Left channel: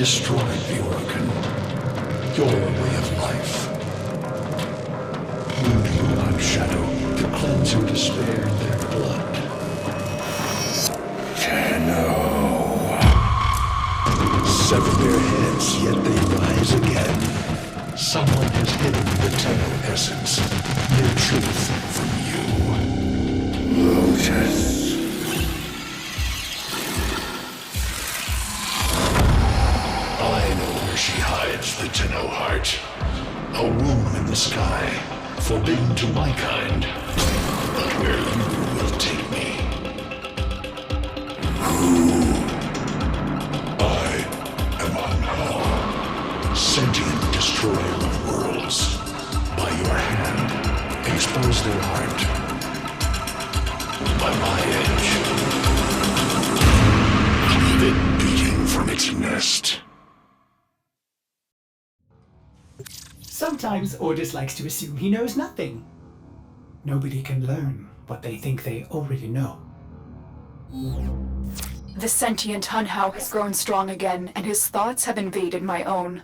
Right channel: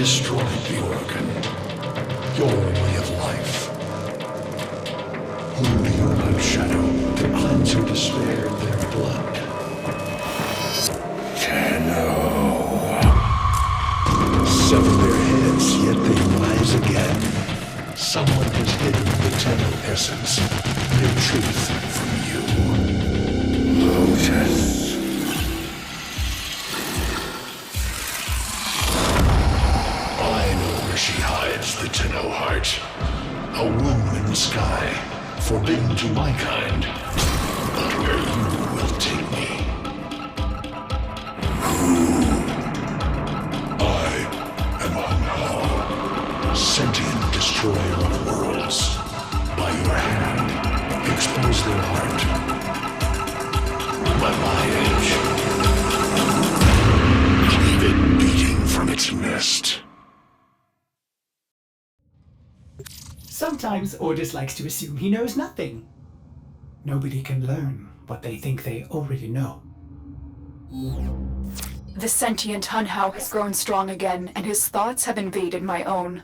destroyed the organ, your way of life. Whom do you hunt, Shadow, to cleanse who despaired their blood? Tenno. Sever their heads, yet they rise again. Someone has hidden the Tenno essence, their truth from you. Lotus. I know where she hides the Tenno heart. A womb in the sky, forbidden to my kind. But where you will take me. I am Anhao, sentient destroyer of worlds. By your hand, expose their heart. By my edge, leave it beating from its nest. Sometimes Ordis likes to assume he knows nothing. Nobody can learn what they think they already know. The sentient Hunhao has grown strong again, and his thoughts have invaded my own.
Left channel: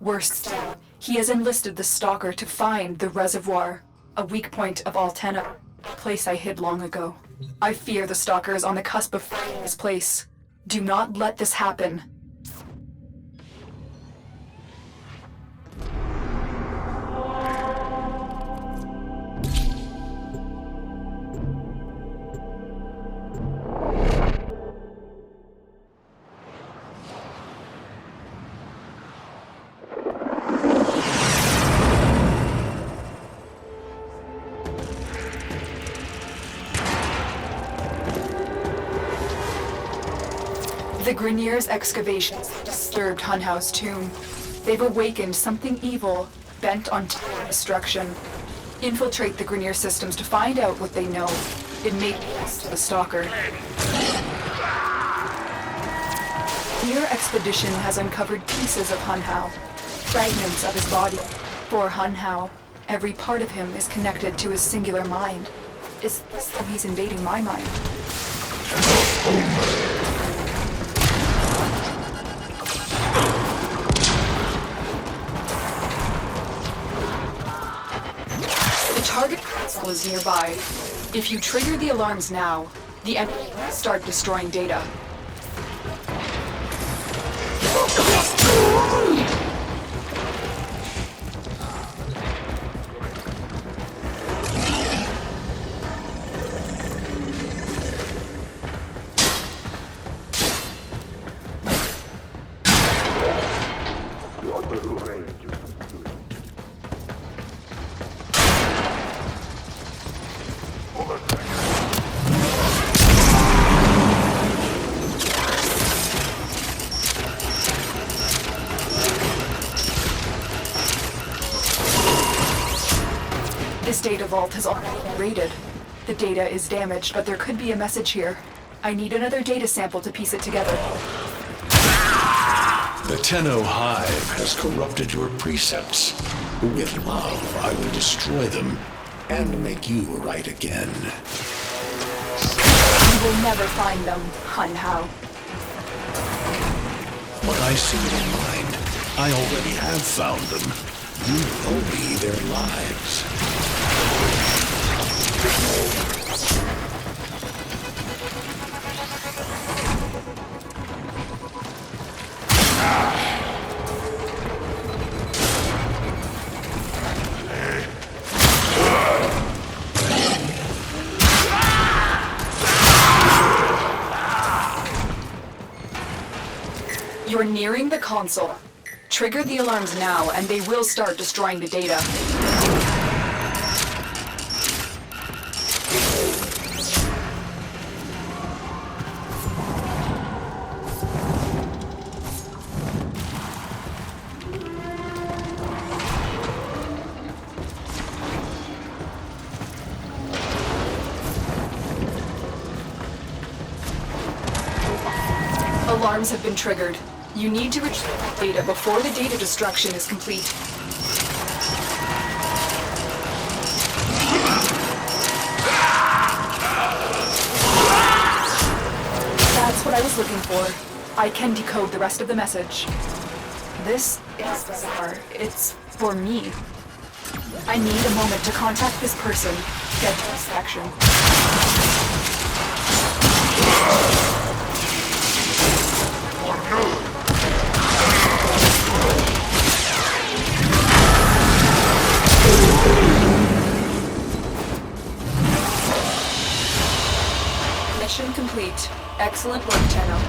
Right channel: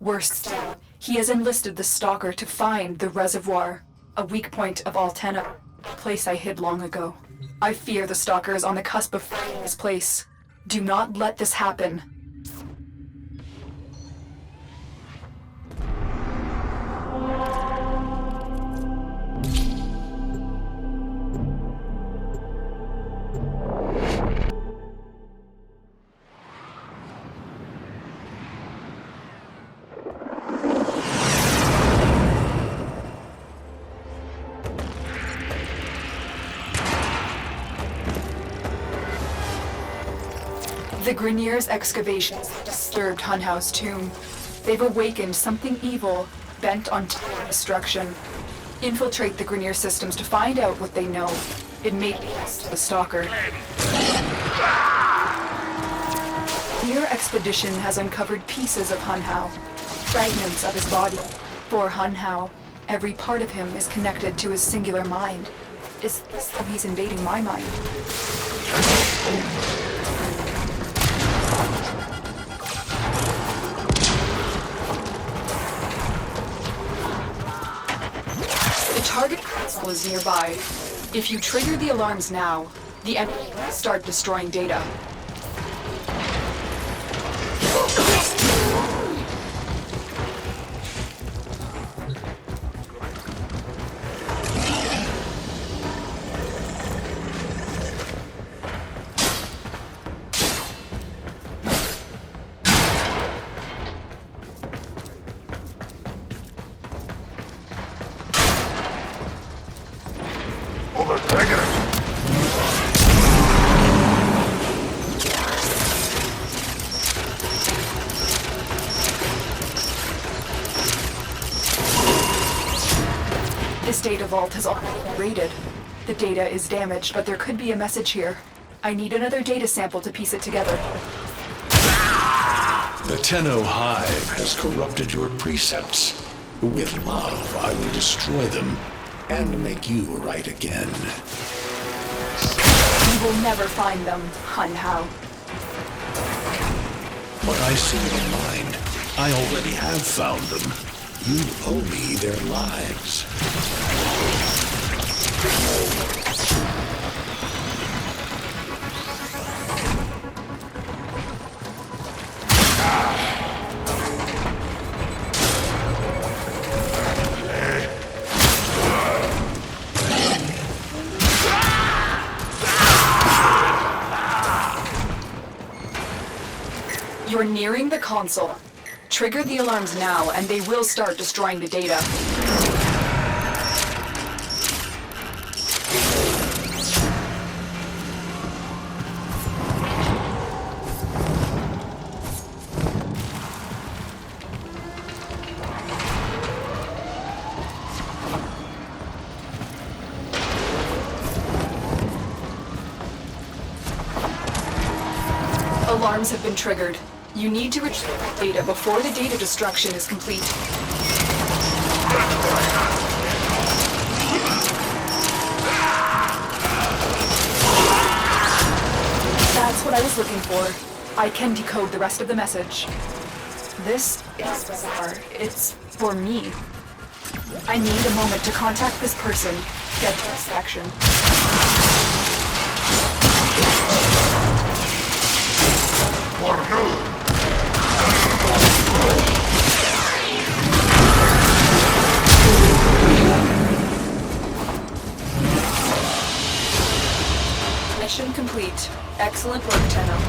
Worse still, he has enlisted the Stalker to find the reservoir, a weak point of all Tenno, a place I hid long ago. I fear the Stalker is on the cusp of finding this place. Do not let this happen. The Grineer's excavations have disturbed Hunhao's tomb. They've awakened something evil, bent on destruction. Infiltrate the Grineer systems to find out what they know. It may lead to the Stalker. Your expedition has uncovered pieces of Hunhao, fragments of his body. For Hunhao, every part of him is connected to his singular mind. Is this how he's invading my mind? The target console is nearby. If you trigger the alarms now, the enemy will start destroying data. This data vault has already been raided. The data is damaged, but there could be a message here. I need another data sample to piece it together. The Tenno Hive has corrupted your precepts. With love, I will destroy them and make you right again. You will never find them, Hunhao. What I see in mind, I already have found them. You owe me their lives. You're nearing the console. Trigger the alarms now, and they will start destroying the data. Alarms have been triggered. You need to retrieve data before the data destruction is complete. That's what I was looking for. I can decode the rest of the message. This is bizarre. It's for me. I need a moment to contact this person, get this action. Mission complete. Excellent work, Tenno.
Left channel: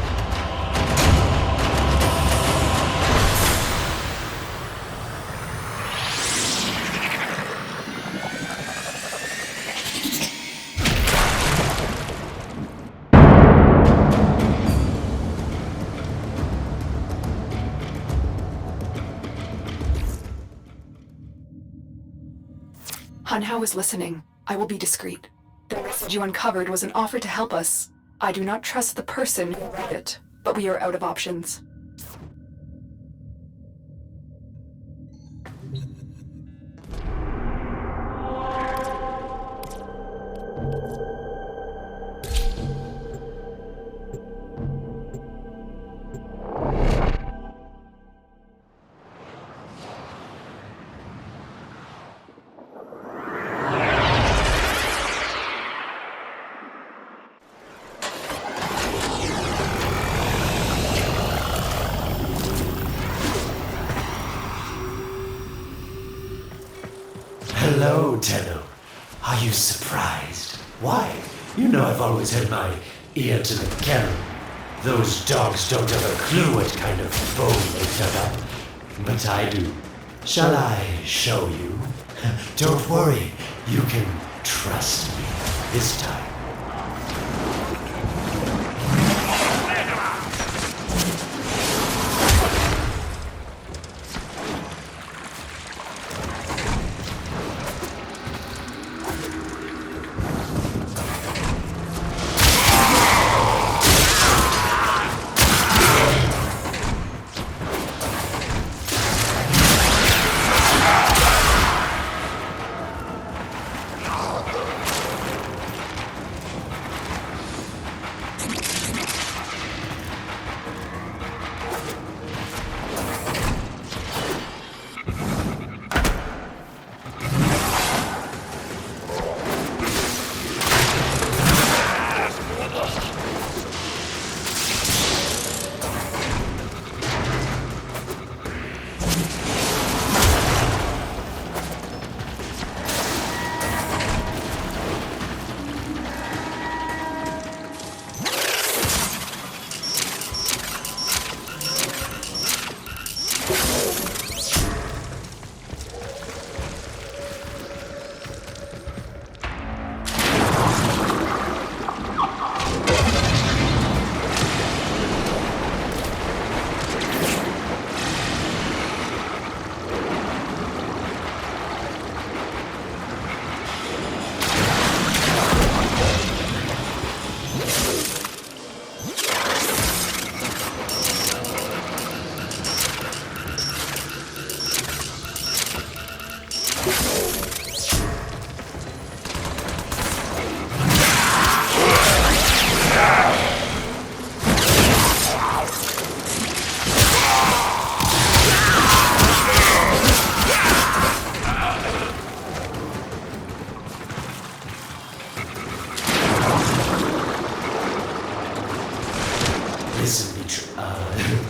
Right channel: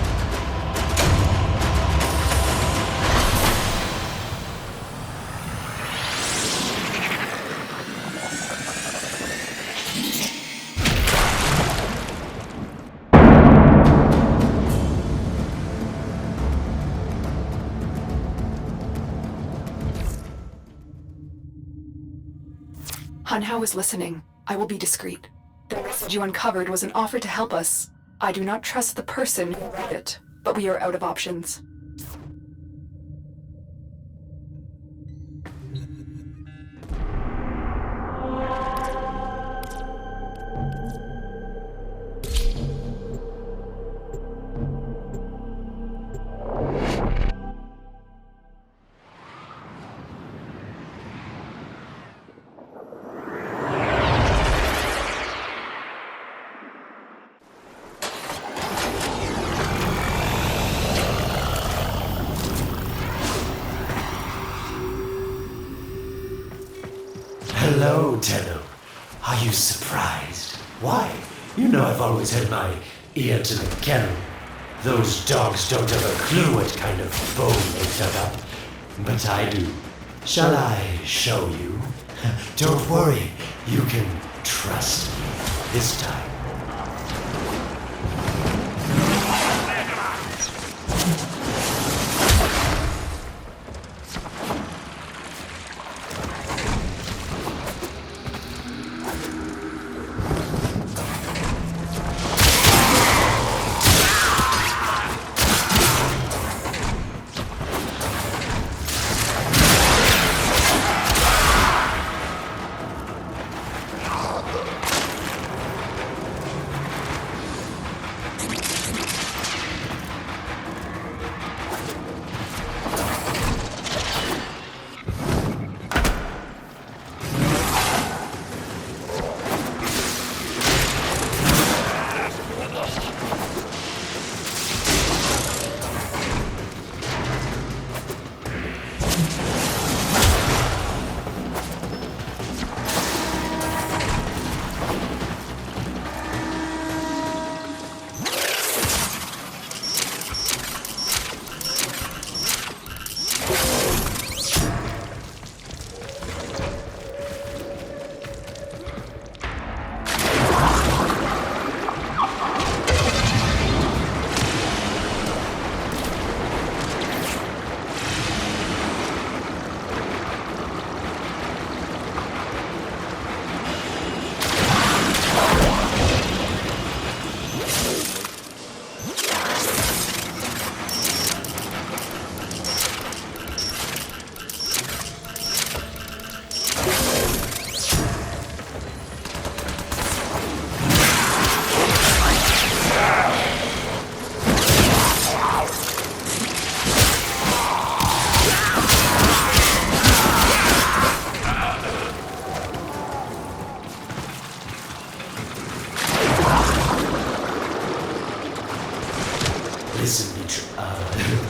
Hanhao is listening. I will be discreet. The message you uncovered was an offer to help us. I do not trust the person who wrote it, but we are out of options. Hello, Tenno. Are you surprised? Why? You know I've always had my ear to the kennel. Those dogs don't have a clue what kind of bone they dug up. But I do. Shall I show you? Don't worry. You can trust me this time.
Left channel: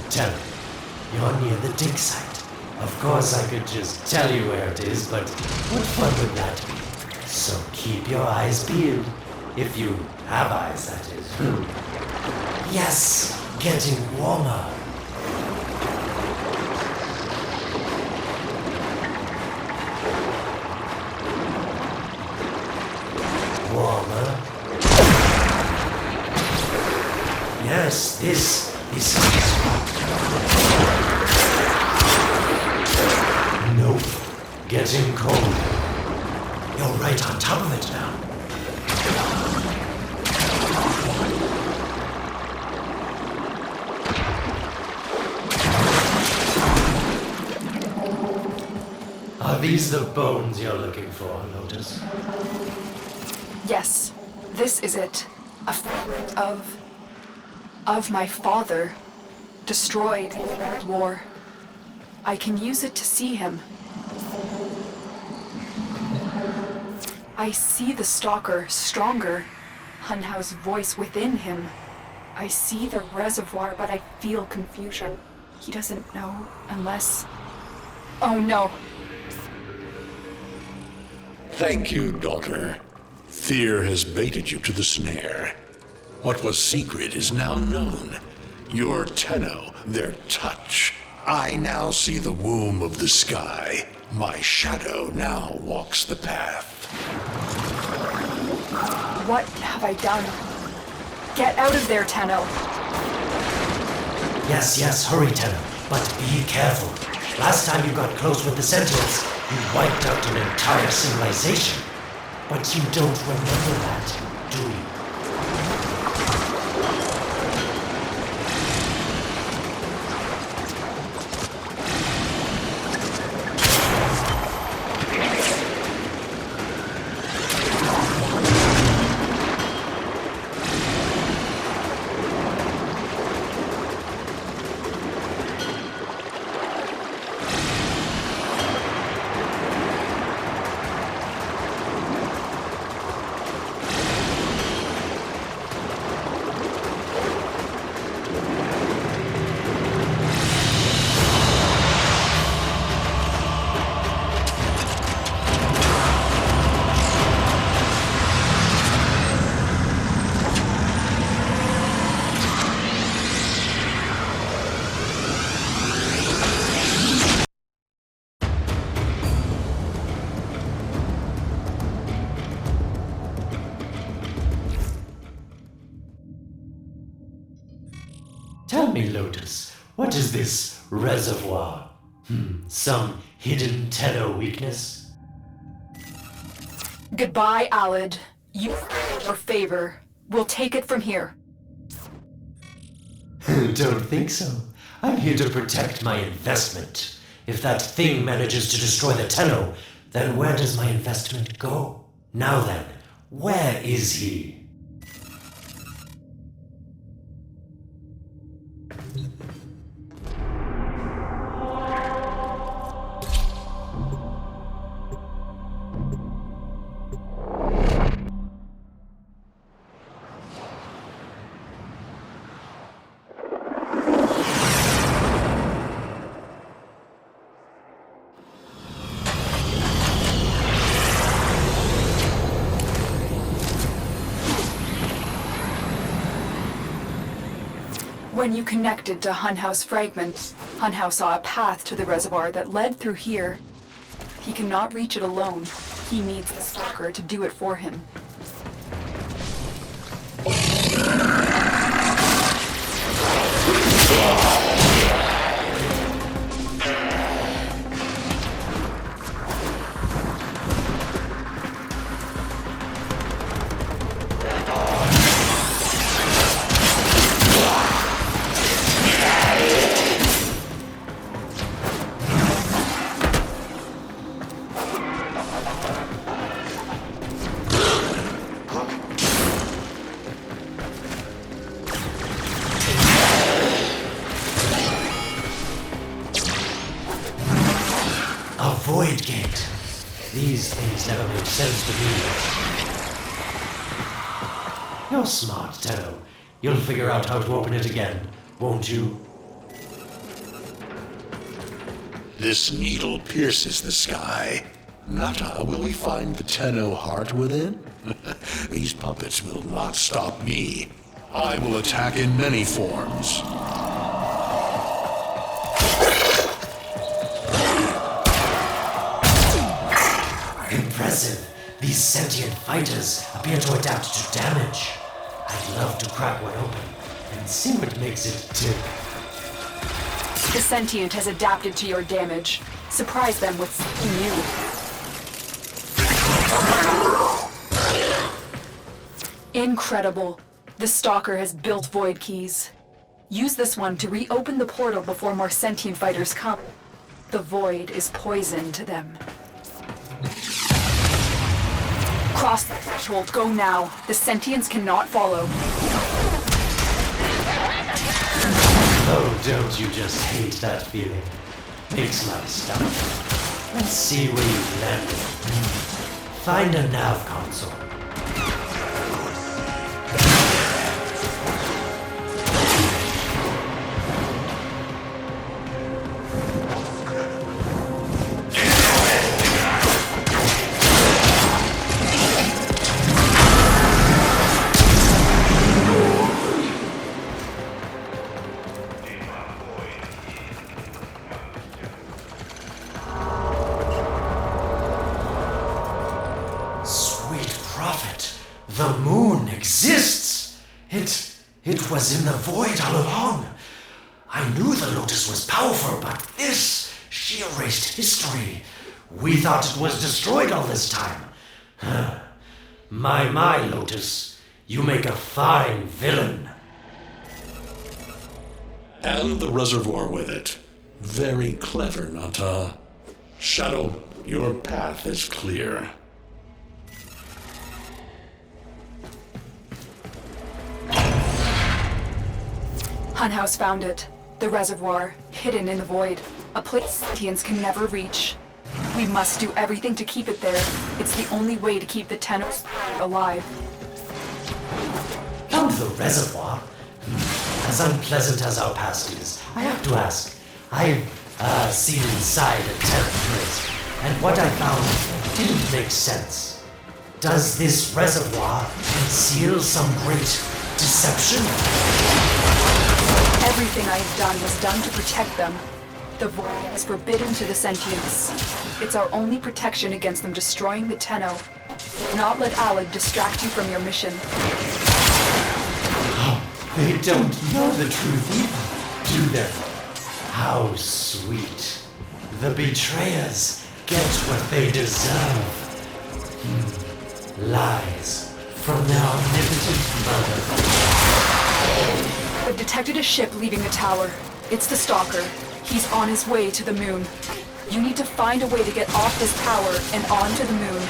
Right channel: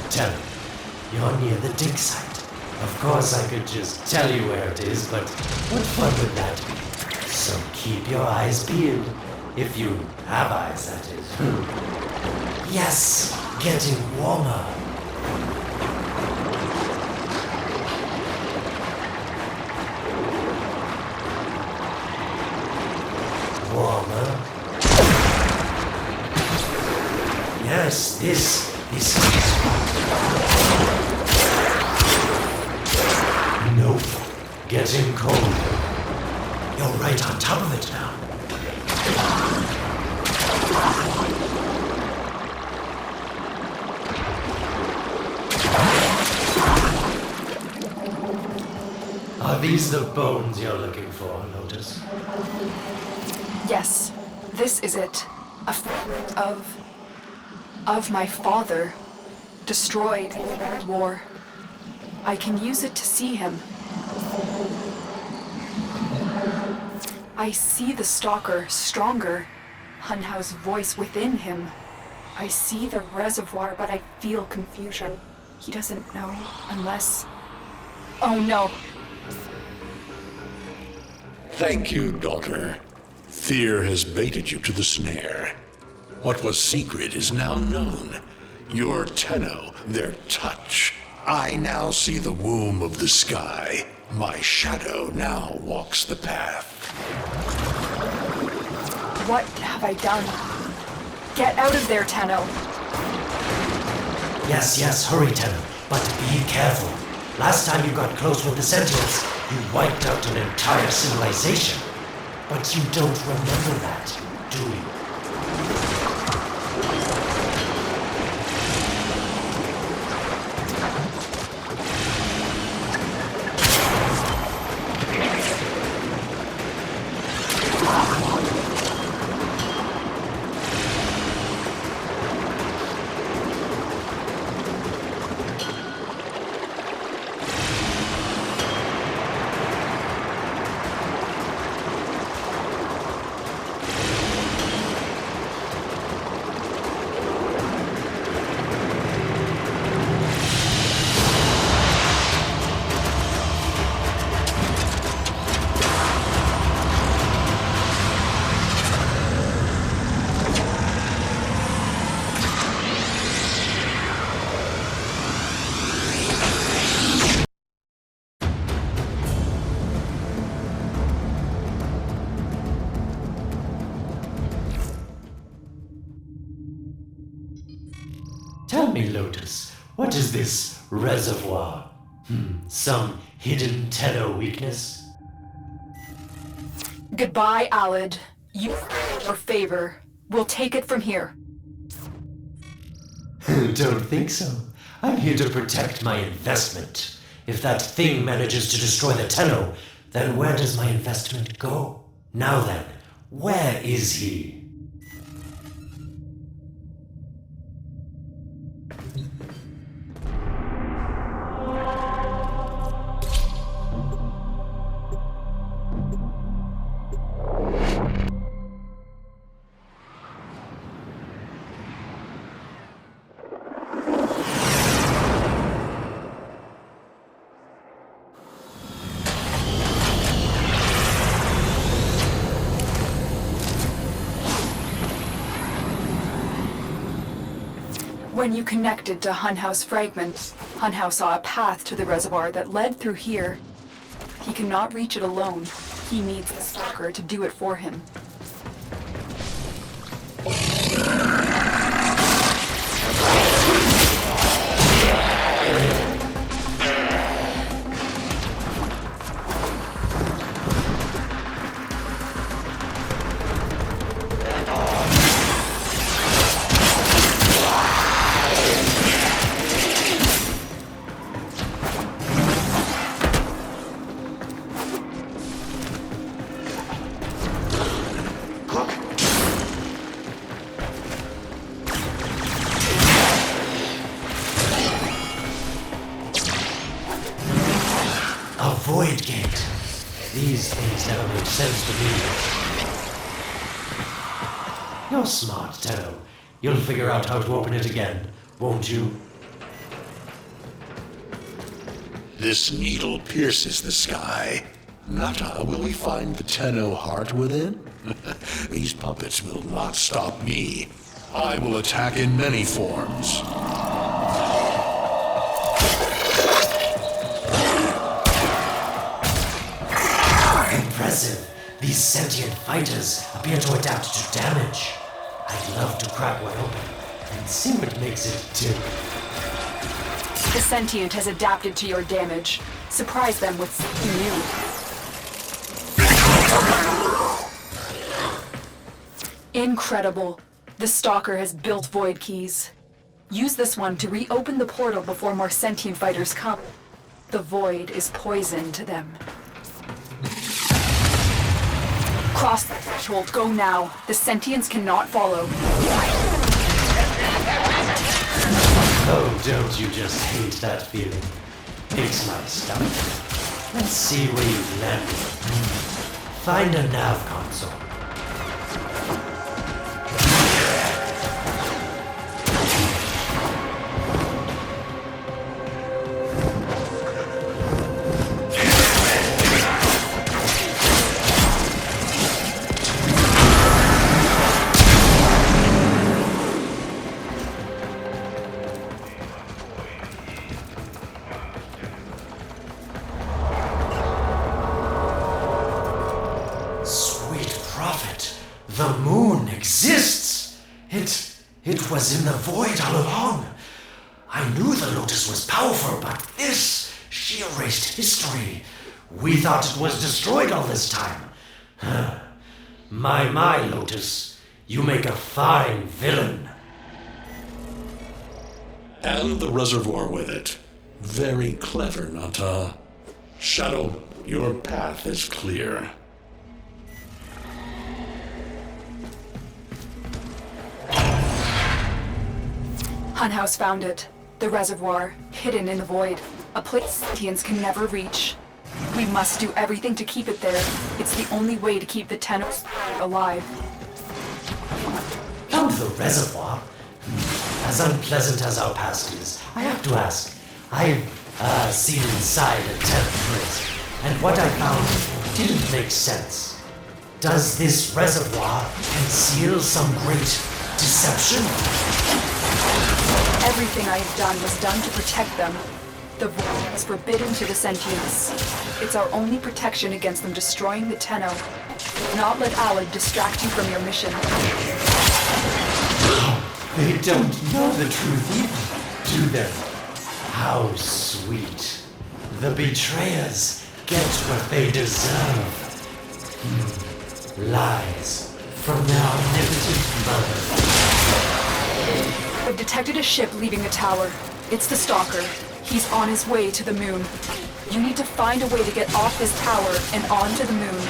Tell me, you're near the dig site. Of course I could just tell you where it is, but what fun would that be? So keep your eyes peeled. If you have eyes, that is. Yes, getting warmer. Warmer. Yes, this is... Nope. Getting cold. You're right on top of it now. Are these the bones you're looking for, Lotus? Yes, this is it. A fragment of my father. destroyed in the Red War. I can use it to see him. I see the Stalker stronger. Hunhow's voice within him. I see the reservoir, but I feel confusion. He doesn't know unless... Oh no! Thank you, daughter. Fear has baited you to the snare. What was secret is now known. Your Tenno, their touch. I now see the womb of the sky. My shadow now walks the path. What have I done? Get out of there, Tenno! Yes, hurry, Tenno, but be careful. Last time you got close with the Sentinels, you wiped out an entire civilization. But you don't remember that, do you? Tell me, Lotus, what is this reservoir? Some hidden Tenno weakness? Goodbye, Alid. You your favor. We'll take it from here. Don't think so. I'm here to protect my investment. If that thing manages to destroy the Tenno, then where does my investment go? Now then, where is he? When you connected to Hunhow's fragment, Hunhow saw a path to the reservoir that led through here. He cannot reach it alone. He needs the Stalker to do it for him. A void gate. These things never make sense to me. You're smart, Tenno. You'll figure out how to open it again, won't you? This needle pierces the sky. Nata, will we find the Tenno heart within? These puppets will not stop me. I will attack in many forms. Impressive. These sentient fighters appear to adapt to damage. I'd love to crack one open and see what makes it tick. The sentient has adapted to your damage. Surprise them with something new. Incredible. The Stalker has built void keys. Use this one to reopen the portal before more sentient fighters come. The void is poison to them. Cross the threshold. Go now. The sentients cannot follow. Oh, don't you just hate that feeling? Makes my stomach. Let's see where you've landed. Find a nav console. Sweet prophet, the moon exists! It was in the void all along. I knew the Lotus was powerful, but this, she erased history. We thought it was destroyed all this time. Huh. My, Lotus, you make a fine villain. And the reservoir with it. Very clever, Nata. Shadow, your path is clear. Hunhouse found it. The reservoir, hidden in the void. A place sentients can never reach. We must do everything to keep it there. It's the only way to keep the Tennos alive. Found the reservoir? As unpleasant as our past is, I have to ask. I've seen inside a tenth place, and what I found didn't make sense. Does this reservoir conceal some great deception? Everything I have done was done to protect them. The void is forbidden to the sentients. It's our only protection against them destroying the Tenno. Do not let Alad distract you from your mission. They don't know the truth either, do they? How sweet. The betrayers get what they deserve. Lies from their omnipotent mother. I've detected a ship leaving the tower. It's the Stalker. He's on his way to the moon. You need to find a way to get off this tower and onto the moon.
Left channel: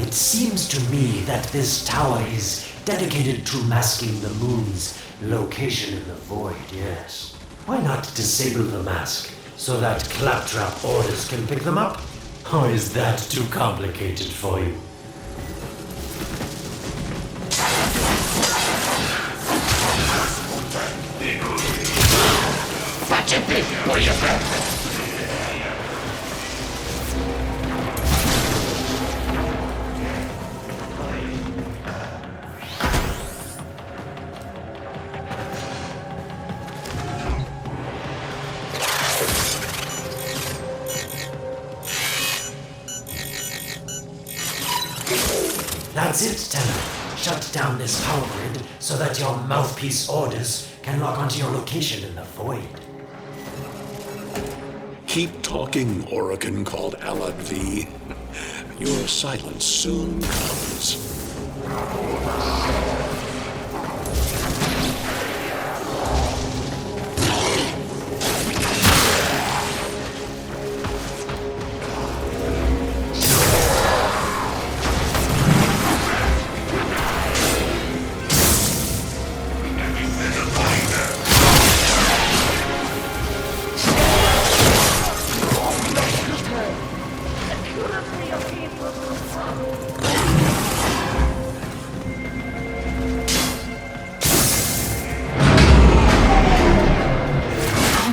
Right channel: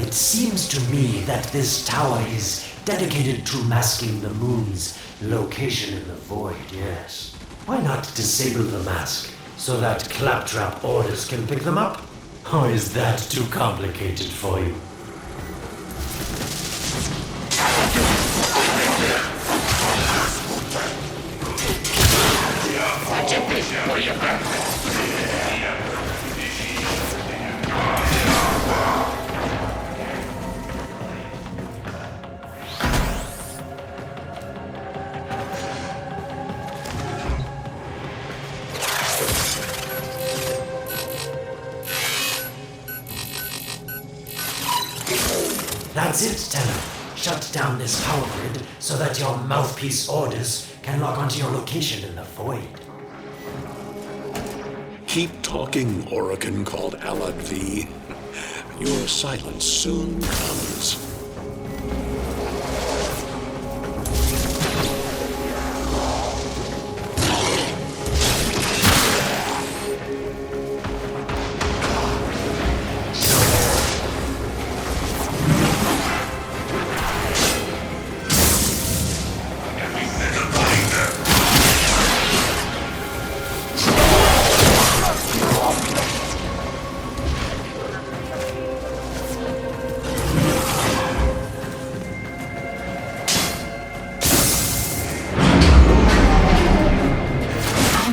It seems to me that this tower is dedicated to masking the moon's location in the void, yes. Why not disable the mask so that claptrap orders can pick them up? Or is that too complicated for you? That's it, Tenno. Shut down this power grid so that your mouthpiece orders can log onto your location in the void. Keep talking, Orokin called Alad V. Your silence soon comes.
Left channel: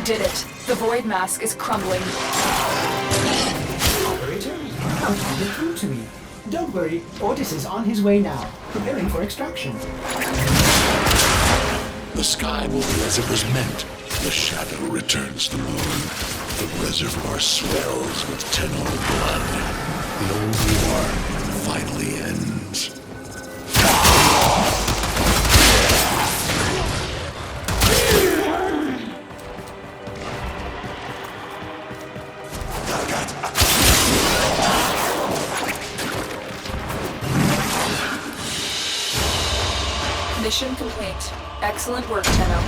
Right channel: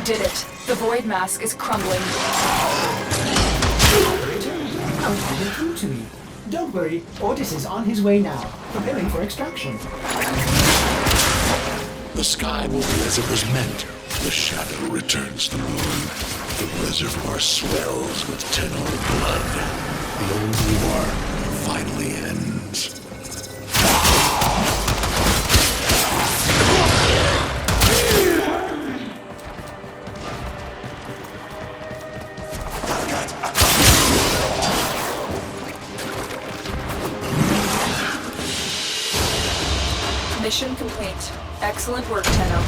Did it. The void mask is crumbling. Operator, how did you get through to me? Don't worry, Ordis is on his way now, preparing for extraction. The sky will be as it was meant. The shadow returns the moon. The reservoir swells with Tenno blood. The old war finally ends. Mission complete. Excellent work, Tenno.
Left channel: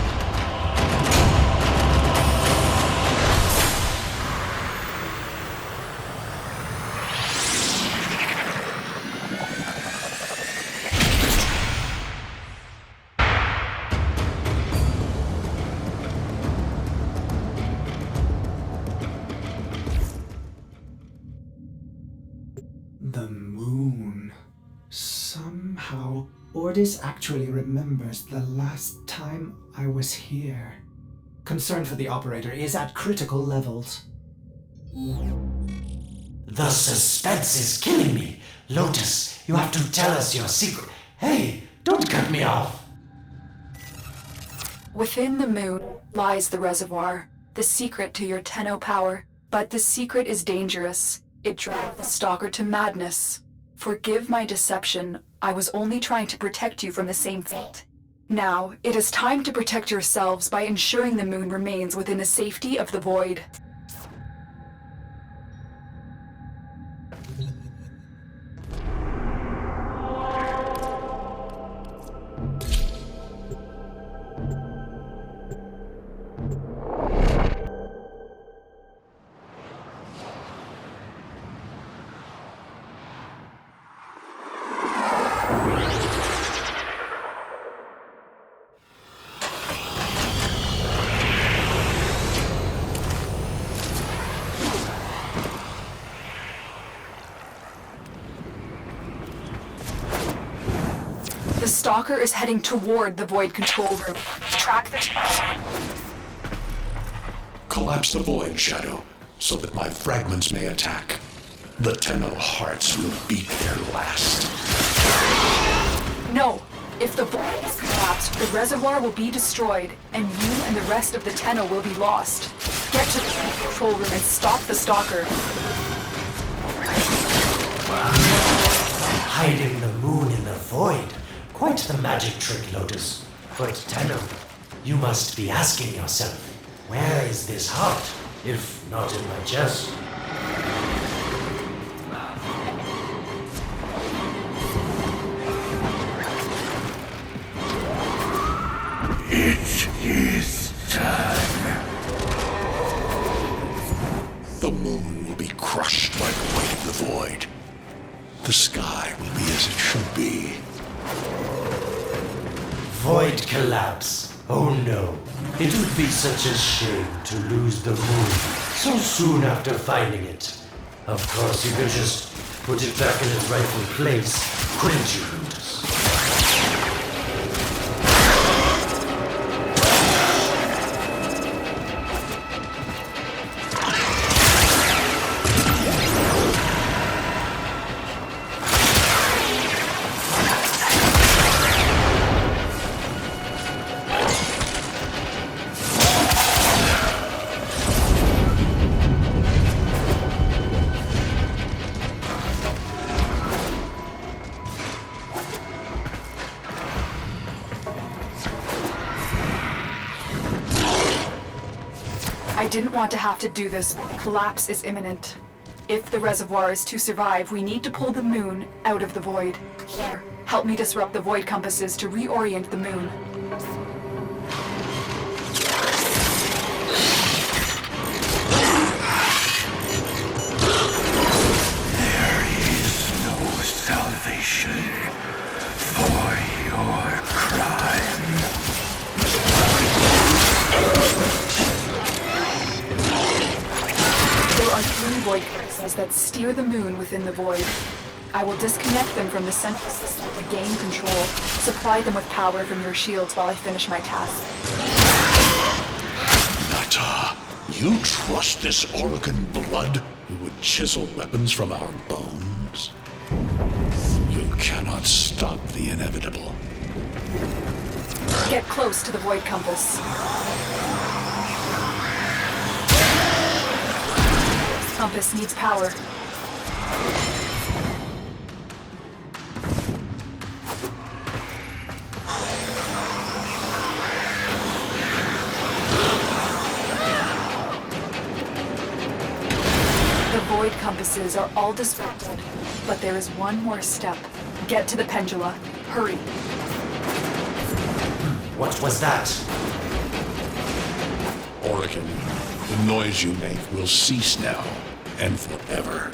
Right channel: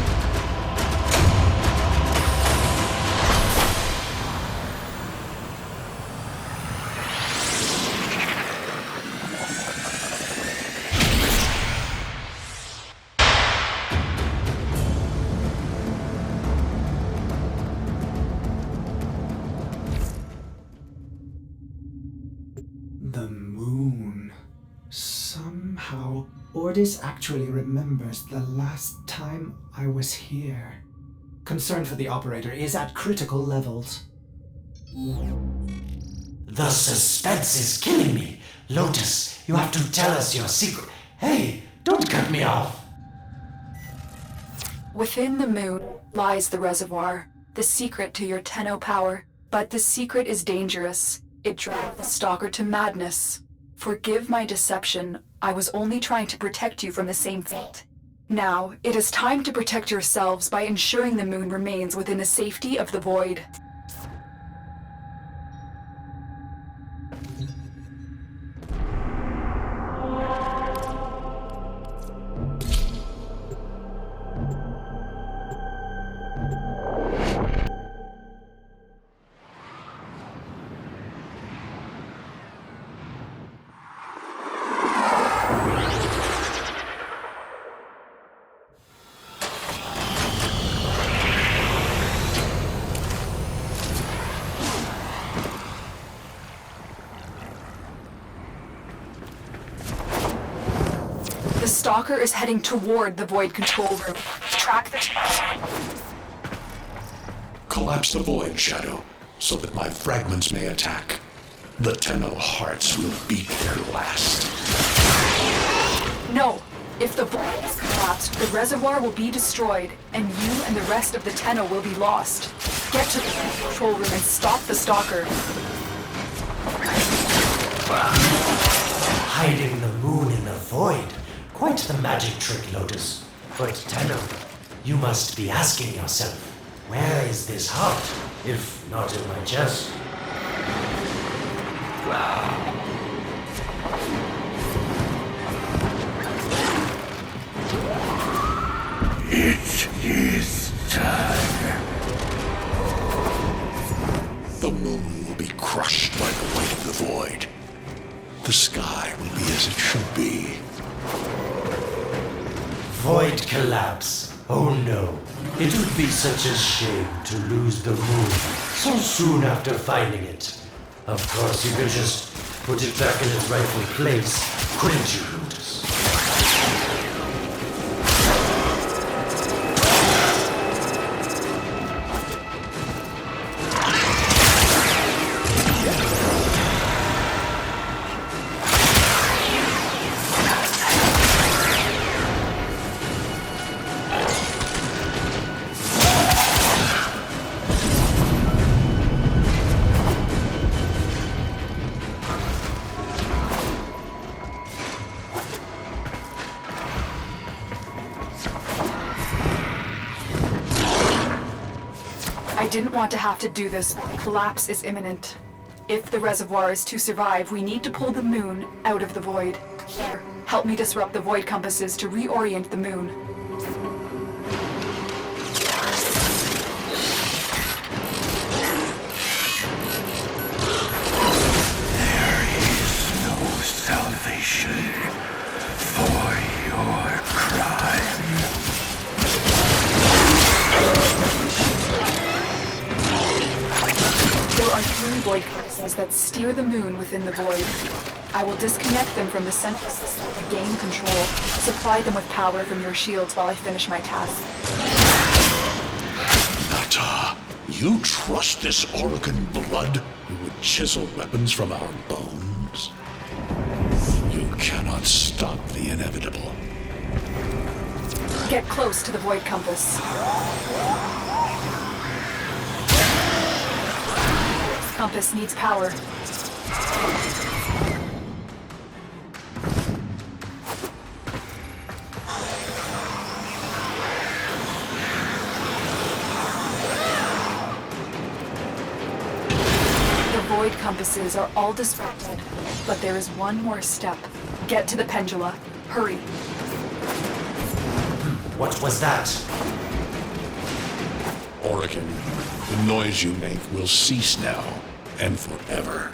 Ordis actually remembers the last time I was here. Concern for the operator is at critical levels. The suspense is killing me. Lotus, you have to tell us your secret. Hey, don't cut me off. Within the moon lies the reservoir, the secret to your Tenno power. But the secret is dangerous. It drives the stalker to madness. Forgive my deception. I was only trying to protect you from the same fate. Now, it is time to protect yourselves by ensuring the moon remains within the safety of the void. The stalker is heading toward the void control room. Track the... Collapse the void, Shadow, so that my fragments may attack. The Tenno hearts will beat their last. No! If the void is collapsed, the reservoir will be destroyed, and you and the rest of the Tenno will be lost. Get to the control room and stop the stalker. Hiding the moon in the void. Quite the magic trick, Lotus. But Tenno, you must be asking yourself, where is this heart, if not in my chest? It is time. The moon will be crushed by the weight of the void. The sky will be as it should be. Void collapse. Oh no. It would be such a shame to lose the moon so soon after finding it. Of course, you could just put it back in its rightful place, couldn't you, Lotus? I didn't want to have to do this. Collapse is imminent. If the reservoir is to survive, we need to pull the moon out of the void. Here, help me disrupt the void compasses to reorient the moon. There is no salvation for your crime. There are 3 void compasses that steer the moon within the void. I will disconnect them from the central system to gain control. Supply them with power from your shields while I finish my task. Nata, you trust this Orokin blood who would chisel weapons from our bones? You cannot stop the inevitable. Get close to the void compass. Compass needs power. The void compasses are all disrupted, but there is one more step. Get to the pendula. Hurry. What was that? Orokin, the noise you make will cease now and forever.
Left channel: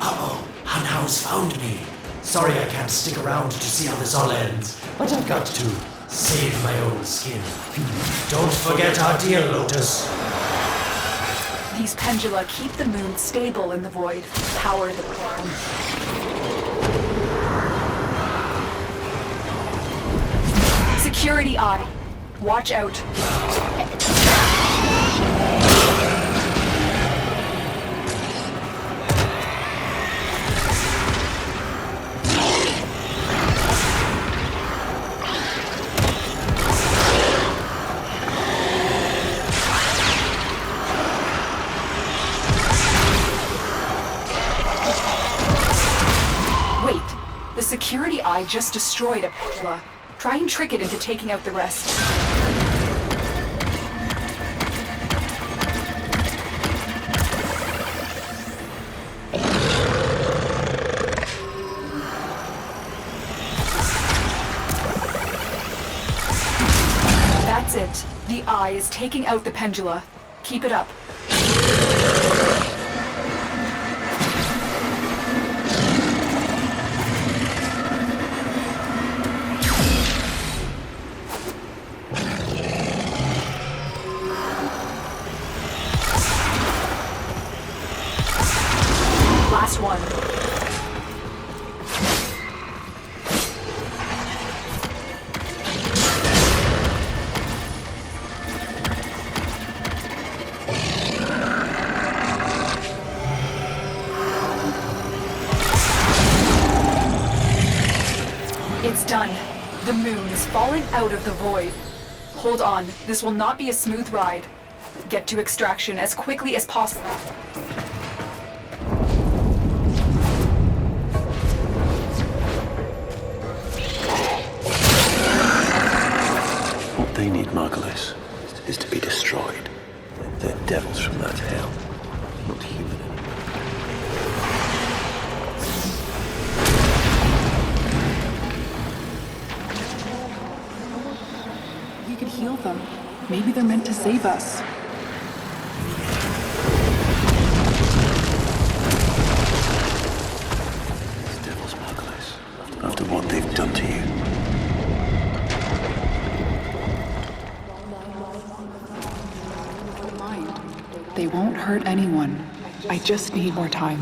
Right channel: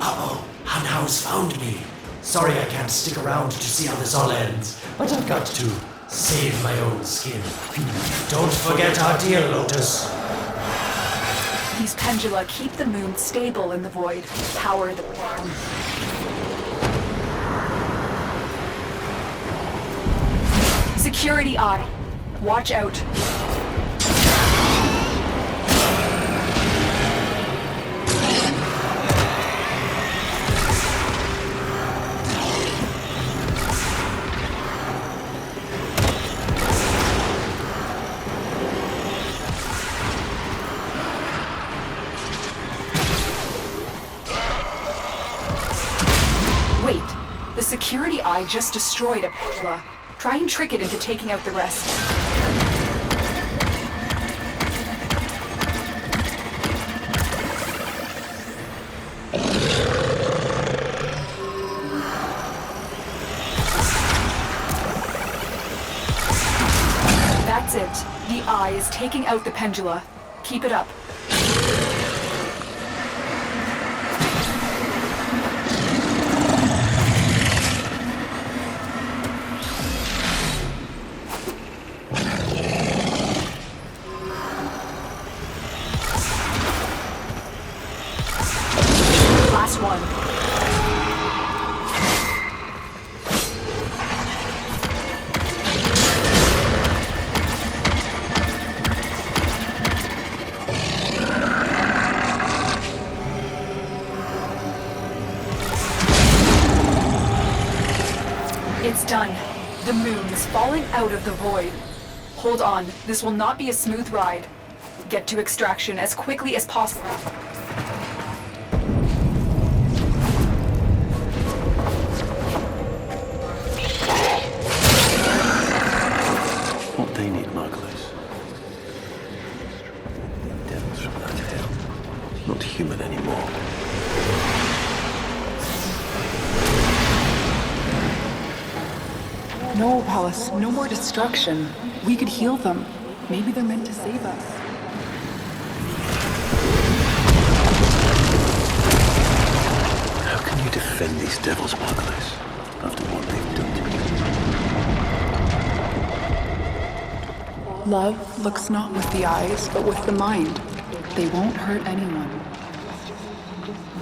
Uh-oh, Hanau's found me. Sorry I can't stick around to see how this all ends, but I've got to save my own skin. Don't forget our dear Lotus. These pendula keep the moon stable in the void. Power the ground. Security eye. Watch out. Wait, the security eye just destroyed a pendula. Try and trick it into taking out the rest. That's it. The eye is taking out the pendula. Keep it up. Last one. It's done. The moon is falling out of the void. Hold on, this will not be a smooth ride. Get to extraction as quickly as possible. What they need, Margulis, is to be destroyed. They're devils from that hell, not human anymore. No, Palace, no more destruction. We could heal them. Maybe they're meant to save us. How can you defend these devils, Margulis, after what they've done to you? Love looks not with the eyes, but with the mind. They won't hurt anyone. I just need more time.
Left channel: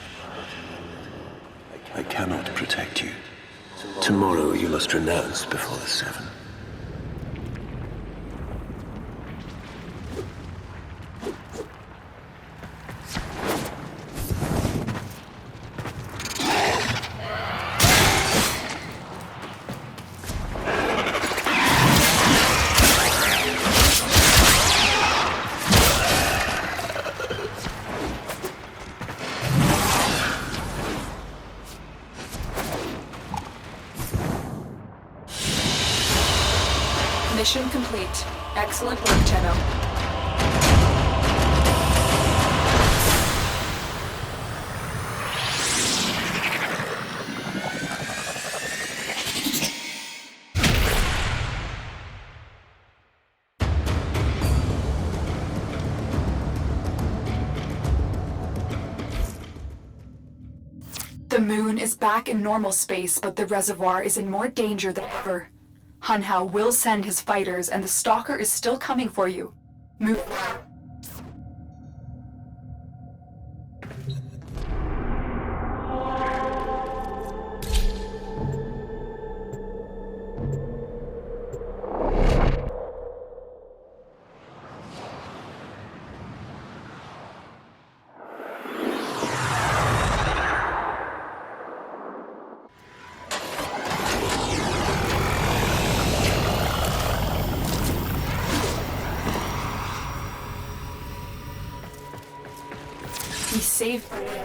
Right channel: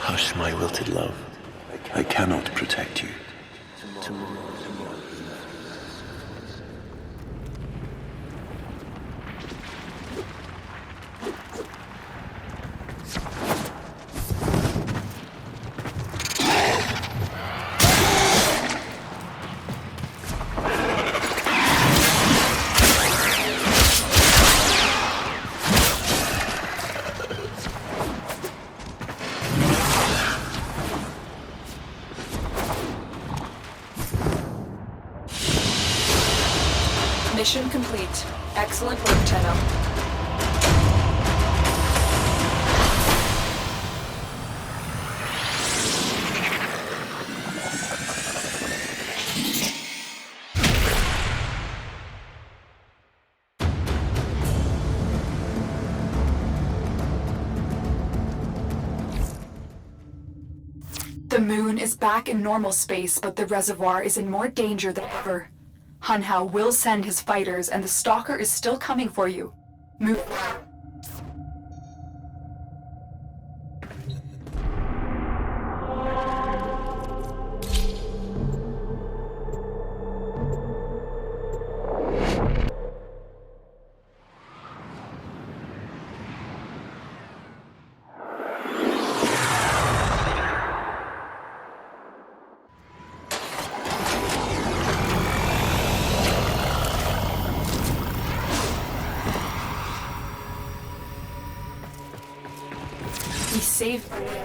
Hush, my wilted love. I cannot protect you. Tomorrow you must renounce before the Seven. Mission complete. Excellent work, Tenno. The moon is back in normal space, but the reservoir is in more danger than ever. Hunhao will send his fighters, and the Stalker is still coming for you. Move. He saved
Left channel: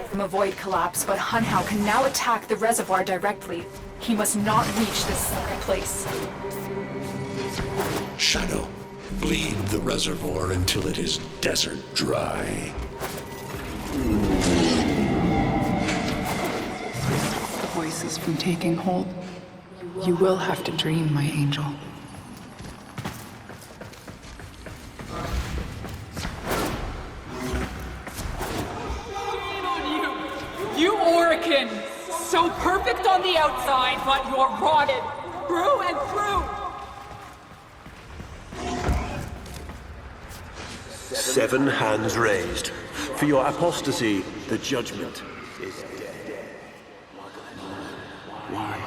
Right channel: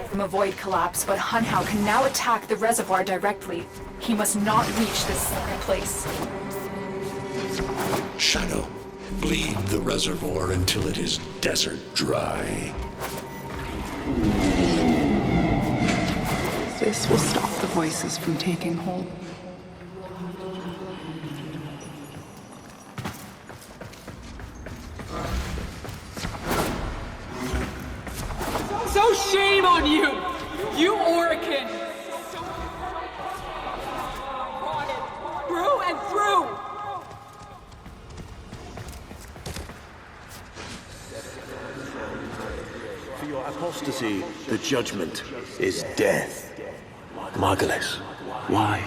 from a void collapse, but Hunhao can now attack the reservoir directly. He must not reach this second place. Shadow, bleed the reservoir until it is desert dry. This will stop the voices from taking hold. You will have to dream, my angel. So shame on you! You Orican! So perfect on the outside, but you're rotted through and through! Seven hands raised. For your apostasy, the judgment is death. Margulis, Why?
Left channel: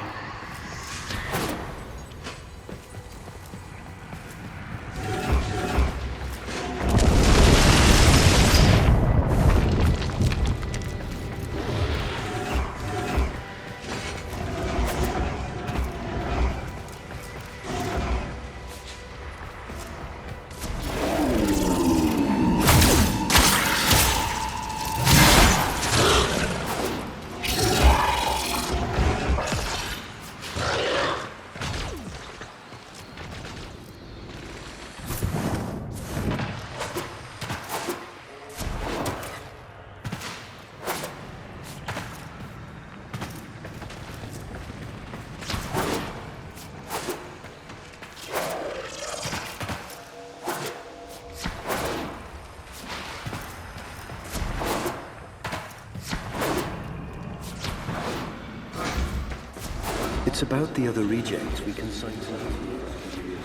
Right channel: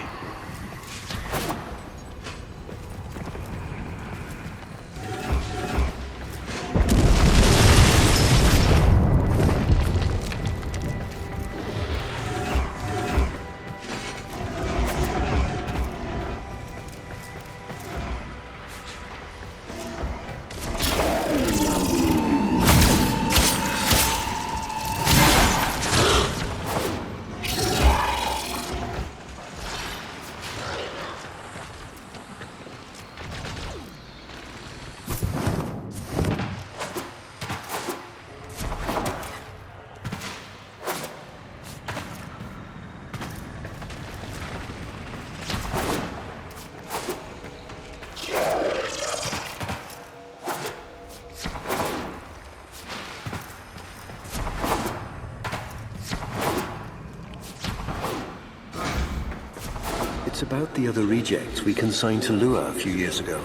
It's about the other rejects we consigned to Lua a few years ago.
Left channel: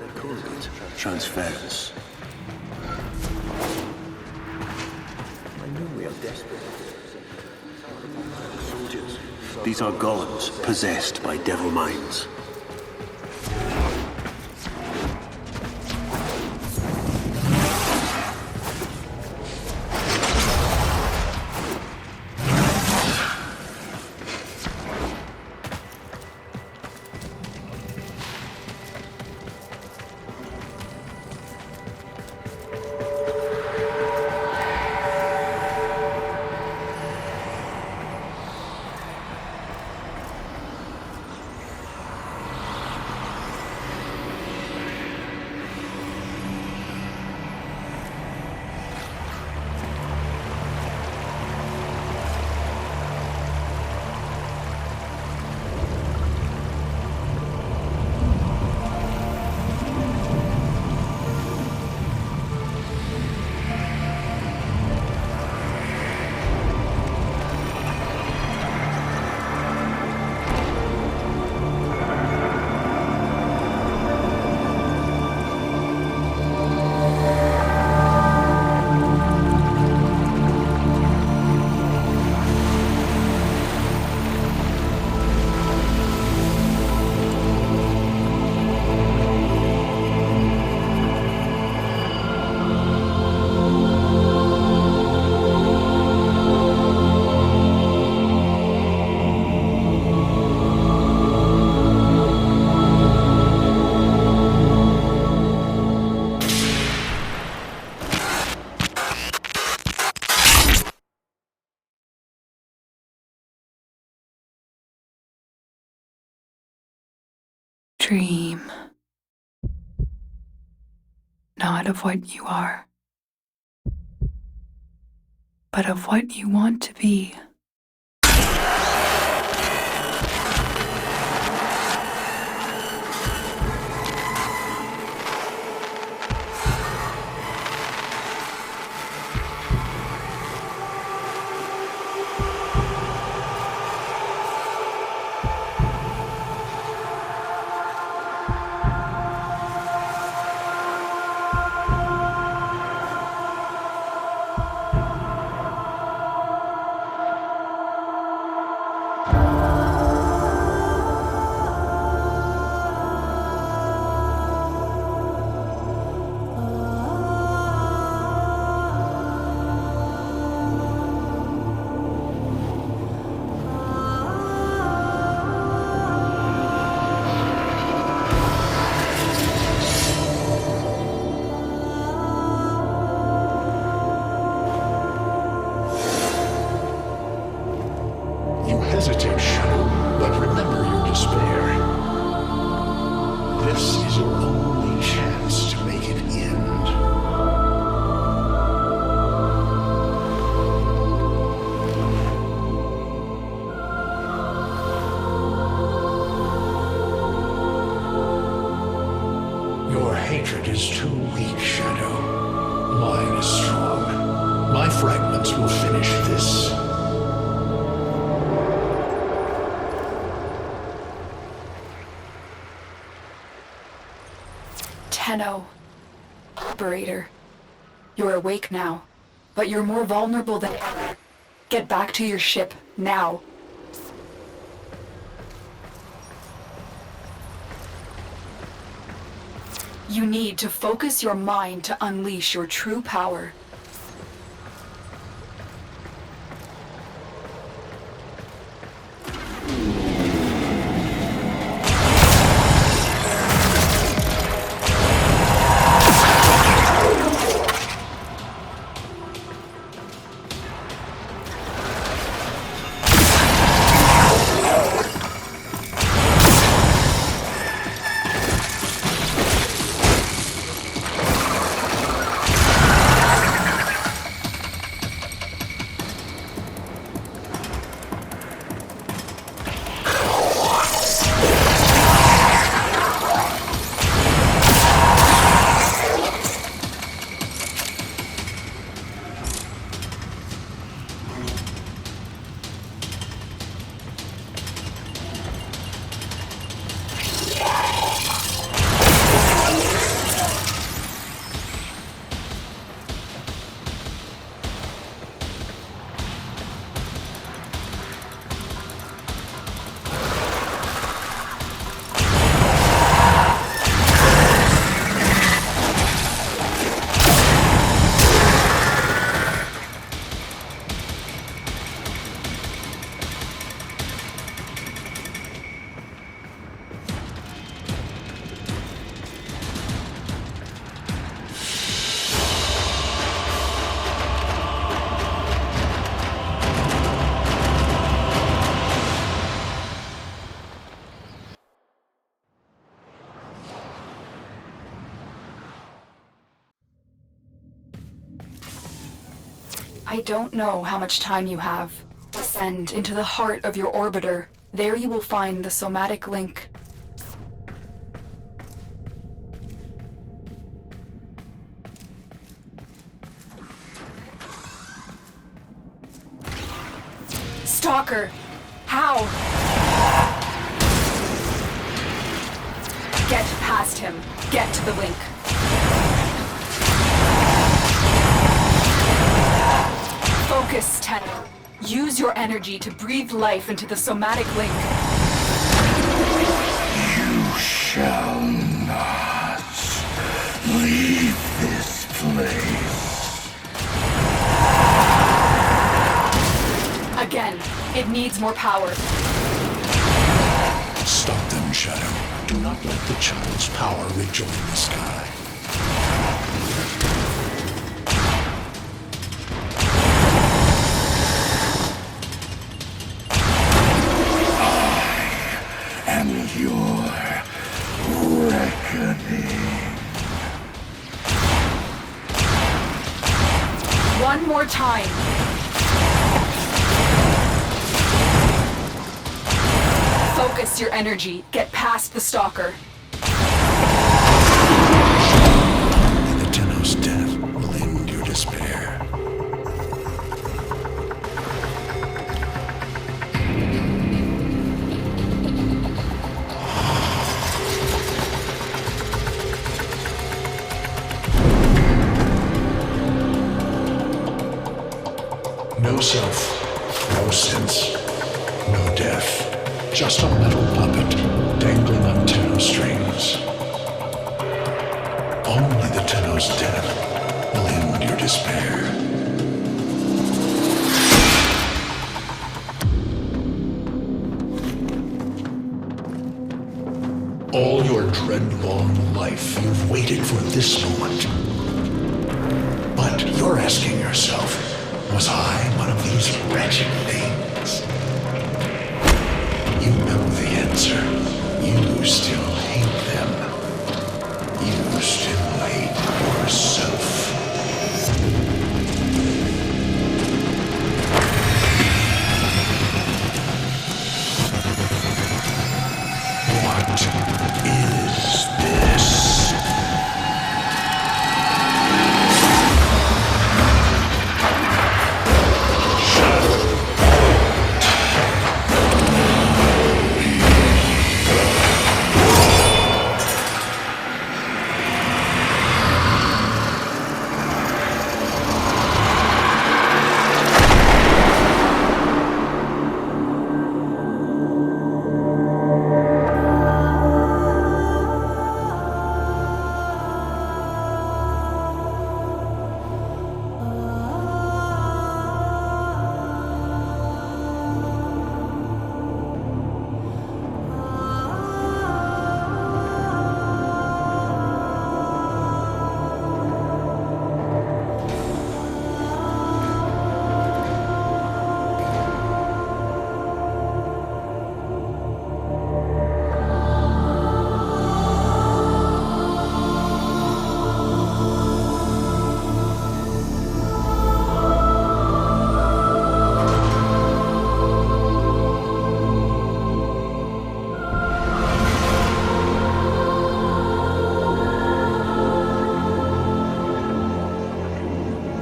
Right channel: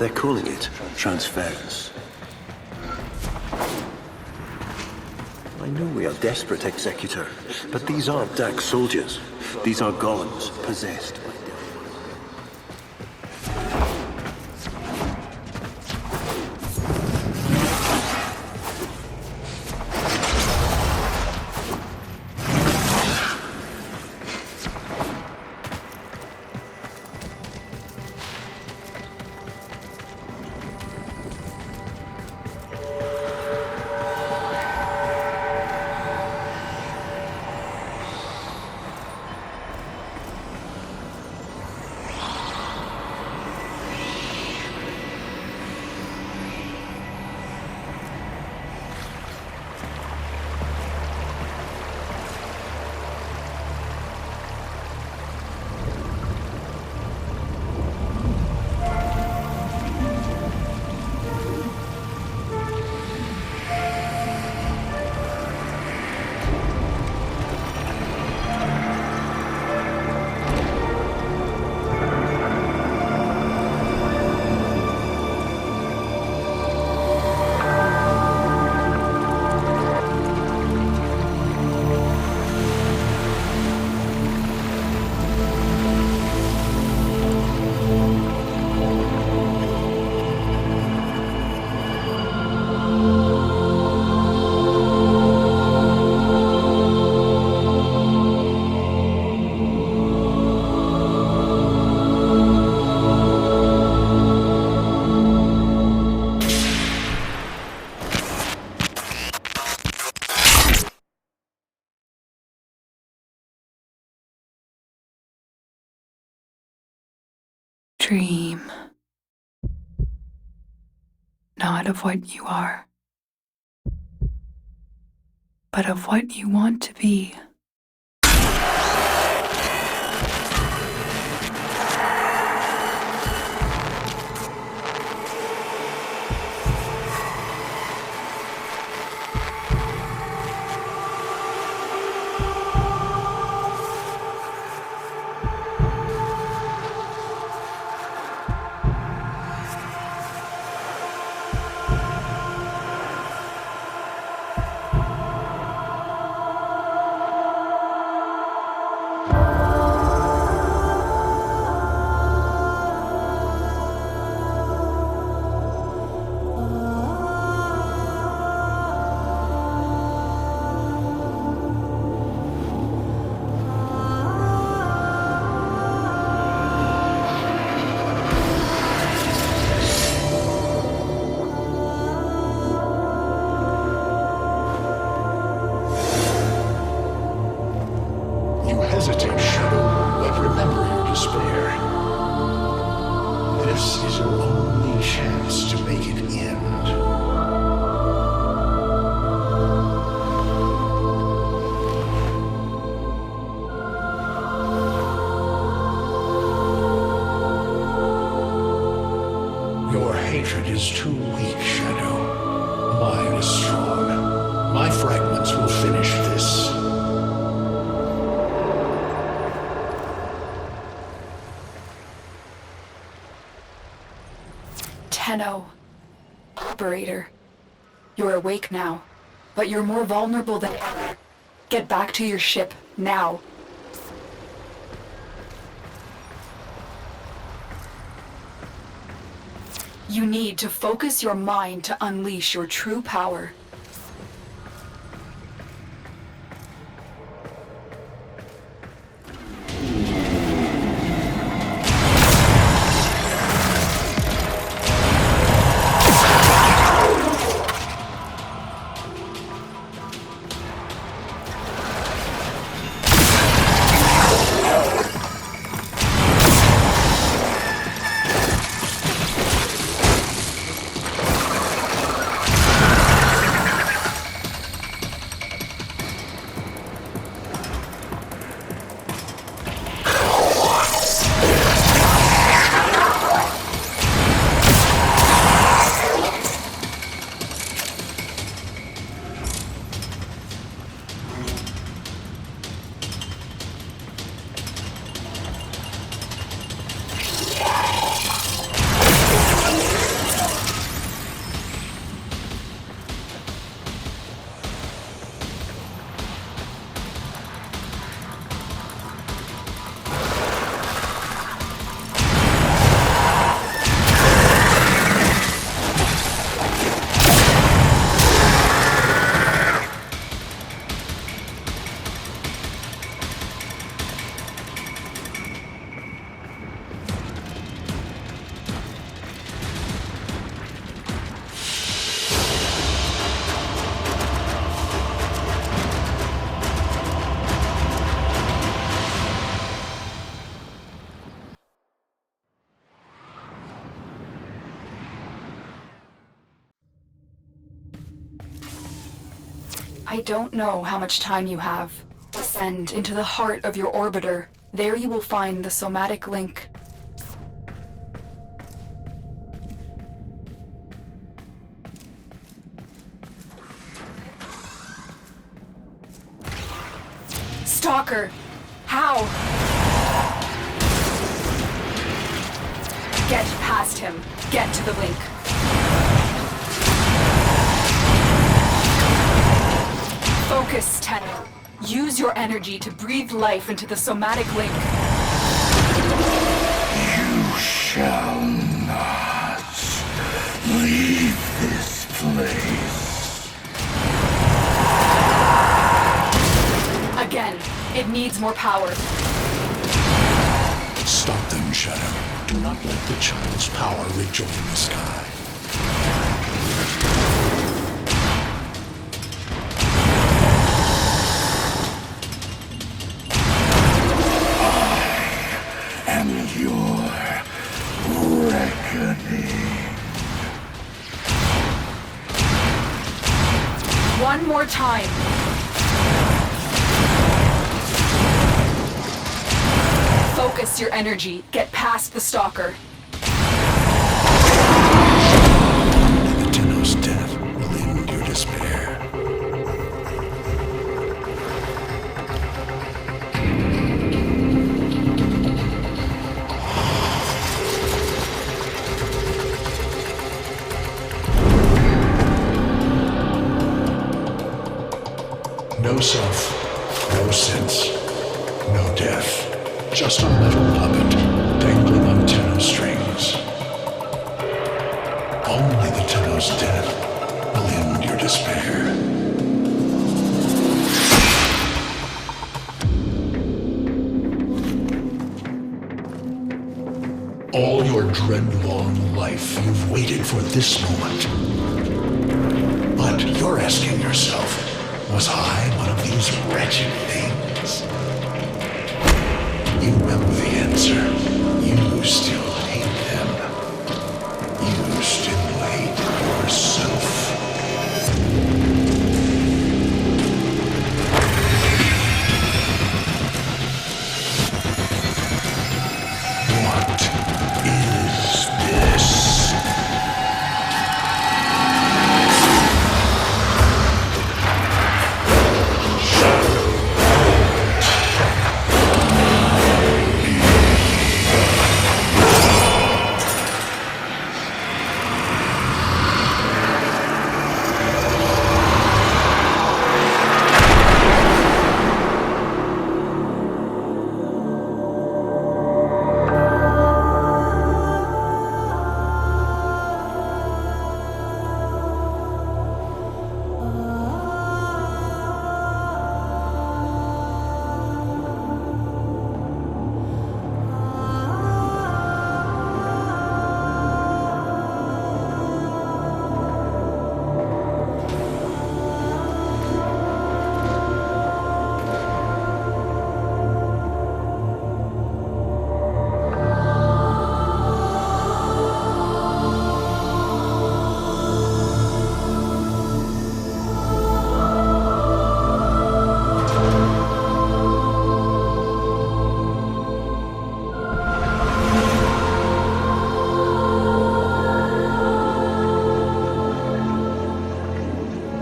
They're calling it transference. I know we are desperate, Executor, but these aren't Dax soldiers. These are golems possessed by devil minds. Dream. Not of what you are, but of what you want to be. Hesitate, Shadow, but remember your despair. This is your only chance to make it end. Your hatred is too weak, Shadow. Mine is strong. My fragments will finish this. Tenno. Operator. You're awake now, but you're more vulnerable than ever. Get back to your ship, now. You need to focus your mind to unleash your true power. I don't know how much time you have. Descend into the heart of your orbiter. There you will find the somatic link. Stalker! How? Get past him. Get to the link. Focus, Tenno. Use your energy to breathe life into the somatic link. You shall not leave this place. Again, it needs more power. Stop them, Shadow. Do not let the child's power rejoin the sky. And your reckoning. One more time. Focus your energy. Get past the stalker. Only the Tenno's death will end your despair. No self, no sense, no death. Just a metal puppet dangling on Tenno strings. Only the Tenno's death will end your despair. All your dread-long life, you've waited for this moment. But you're asking yourself, was I one of these wretched things? You know the answer. You still hate them. You still hate yourself. What is this?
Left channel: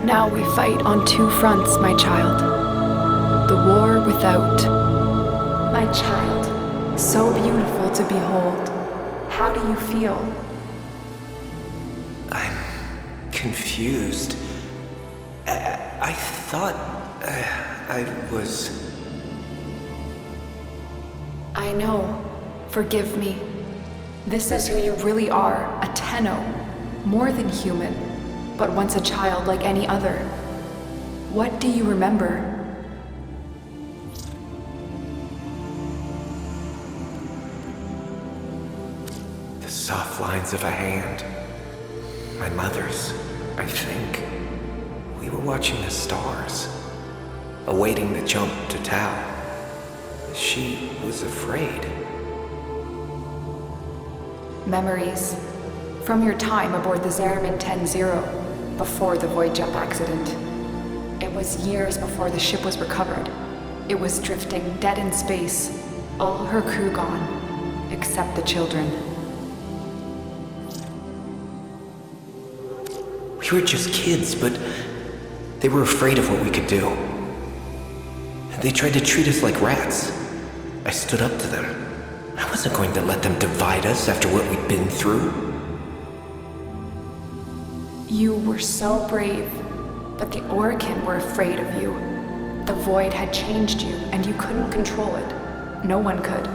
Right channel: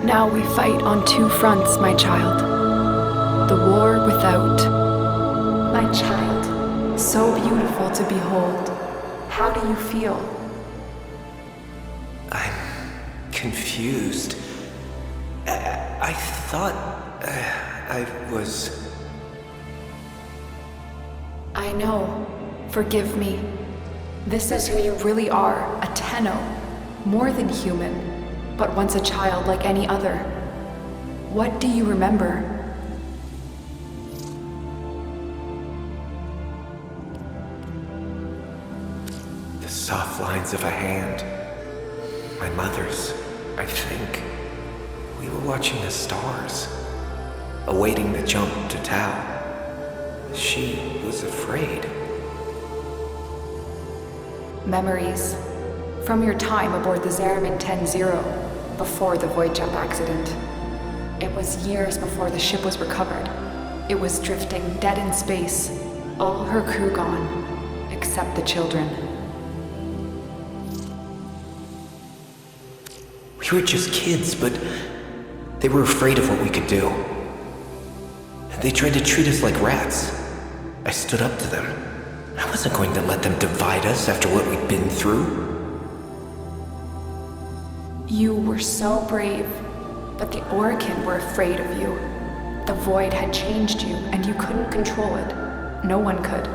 Now we fight on two fronts, my child. The war without. My child, so beautiful to behold. How do you feel? I'm confused. I thought I was... I know. Forgive me. This is who you really are, a Tenno. More than human, but once a child like any other. What do you remember? The soft lines of a hand. My mother's, I think. We were watching the stars, awaiting the jump to Tau. She was afraid. Memories. From your time aboard the Zariman 10-0, before the void jump accident. It was years before the ship was recovered. It was drifting dead in space, all her crew gone, except the children. We were just kids, but they were afraid of what we could do. They tried to treat us like rats. I stood up to them. I wasn't going to let them divide us after what we'd been through. You were so brave, but the Orokin were afraid of you. The void had changed you, and you couldn't control it. No one could.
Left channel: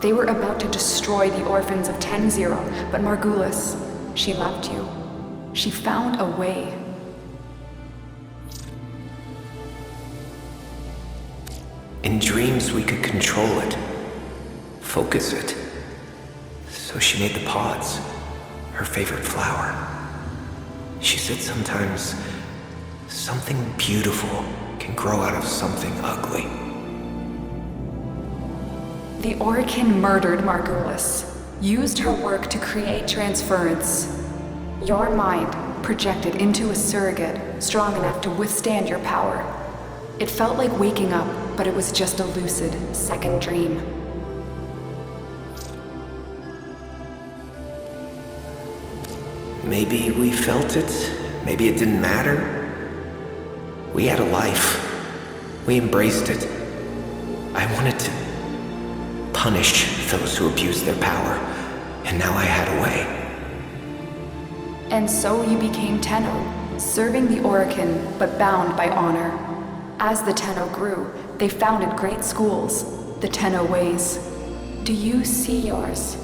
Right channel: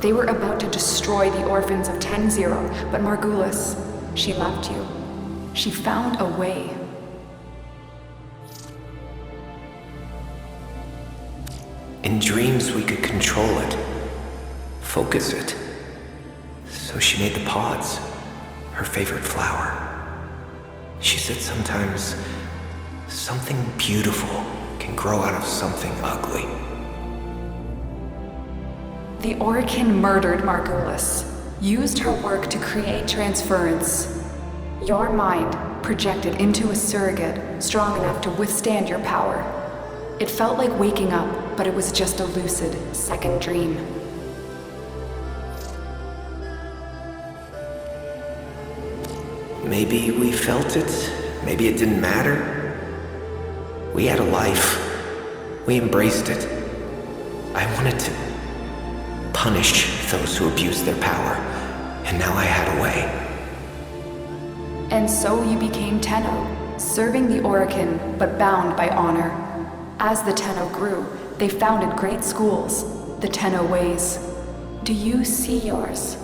They were about to destroy the orphans of 10-0, but Margulis, she loved you. She found a way. In dreams, we could control it. Focus it. So she made the pods, her favorite flower. She said sometimes something beautiful can grow out of something ugly. The Orokin murdered Margulis, used her work to create transference. Your mind projected into a surrogate strong enough to withstand your power. It felt like waking up, but it was just a lucid second dream. Maybe we felt it, maybe it didn't matter. We had a life. We embraced it. I wanted to punish those who abused their power, and now I had a way. And so you became Tenno, serving the Orokin, but bound by honor. As the Tenno grew, they founded great schools, the Tenno ways. Do you see yours?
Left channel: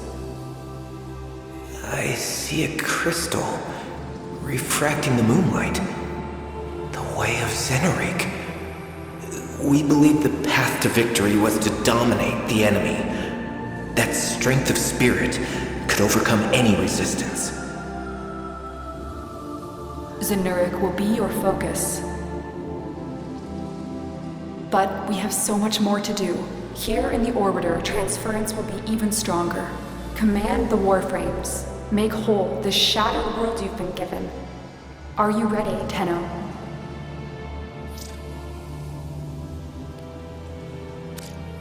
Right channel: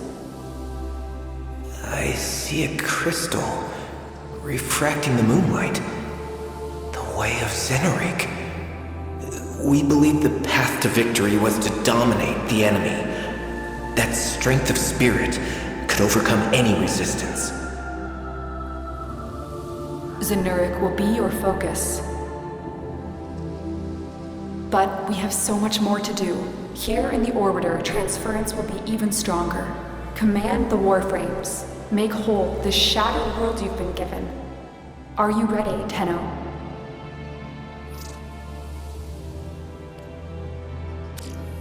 I see a crystal refracting the moonlight. The way of Zenerik. We believed the path to victory was to dominate the enemy. That strength of spirit could overcome any resistance. Zenerik will be your focus. But we have so much more to do. Here in the Orbiter, transference will be even stronger. Command the Warframes. Make whole this shattered world you've been given. Are you ready, Tenno?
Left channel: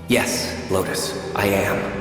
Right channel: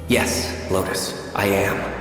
Yes, Lotus, I am.